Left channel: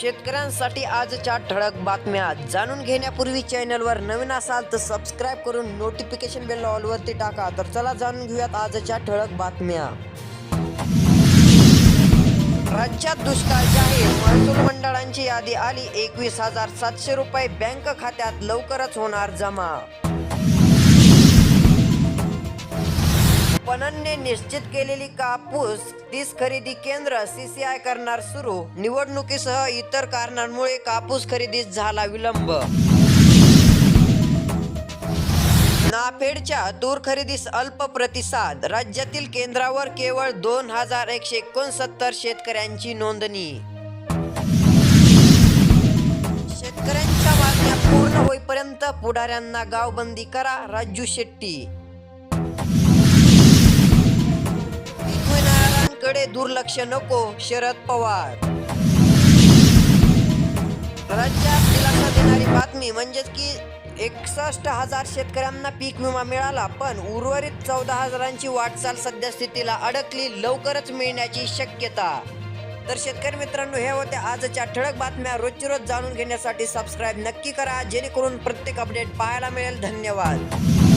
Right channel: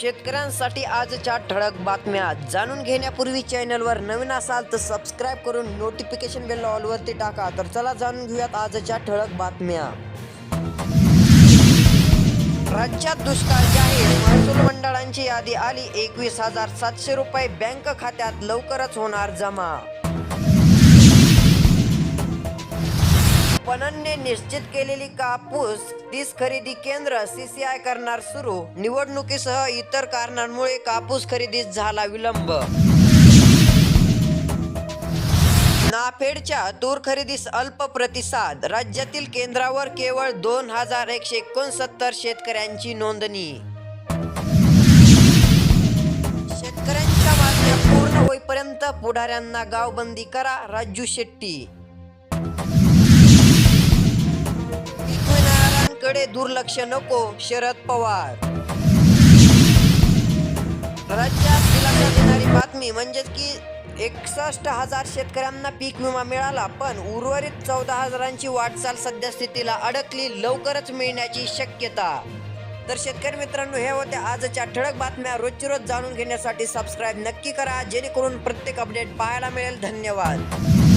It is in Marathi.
शेतकऱ्यांसाठी आजच्या ठळक बातम्या जाणून घेण्यापूर्वी चॅनलवर नवीन असाल तर सबस्क्राईब करून नोटिफिकेशन बेल ऑलवरती टाका. तर चला जाणून घेऊयात आजच्या ठळक बातम्या. राज्यात दुष्काळ जाहीर. महसूल मंडळांची यादी आली. एकवीस हजार सातशे रुपये बँक खात्यात लवकरच होणार जमा. पणनने निश्चित केलेली कापूस तीस खरेदी केंद्र सीसीआय करणार सुरू. निवडणुकीसह इतर कारणांमुळे कापूस खरेदीत झाला विलंब. नाफेडच्या तूर खरेदीस अल्प प्रतिसाद. राज्यातील केंद्रावर केवळ दोन हजार एकशे एकोणसत्तर शेतकऱ्यांची नोंदणी. शेतकऱ्यांच्या मागण्या पूर्ण होईपर्यंत पुढाऱ्यांना गावबंदी करा राजू शेट्टी. कडे दुर्लक्ष नको शरद पवार. राज्यात दिलासा देणारी बातमी म्हणजेच की एकसष्ट हजार शेतकऱ्यांना पीक विमा मिळाला पण उर्वरित चौदा हजारांची वाटचाल सध्या स्थितीला अडकली लवकरच मिळण्याची शक्यता. तर शेतकरी मित्रांनो हे होत्या आजच्या ठळक बातम्या. रोजची रोज जाणून घेण्यासाठी सबस्क्राईब नक्की करा जेणेकरून प्रत्येक अपडेट पाहायला मिळेल. धन्यवाद.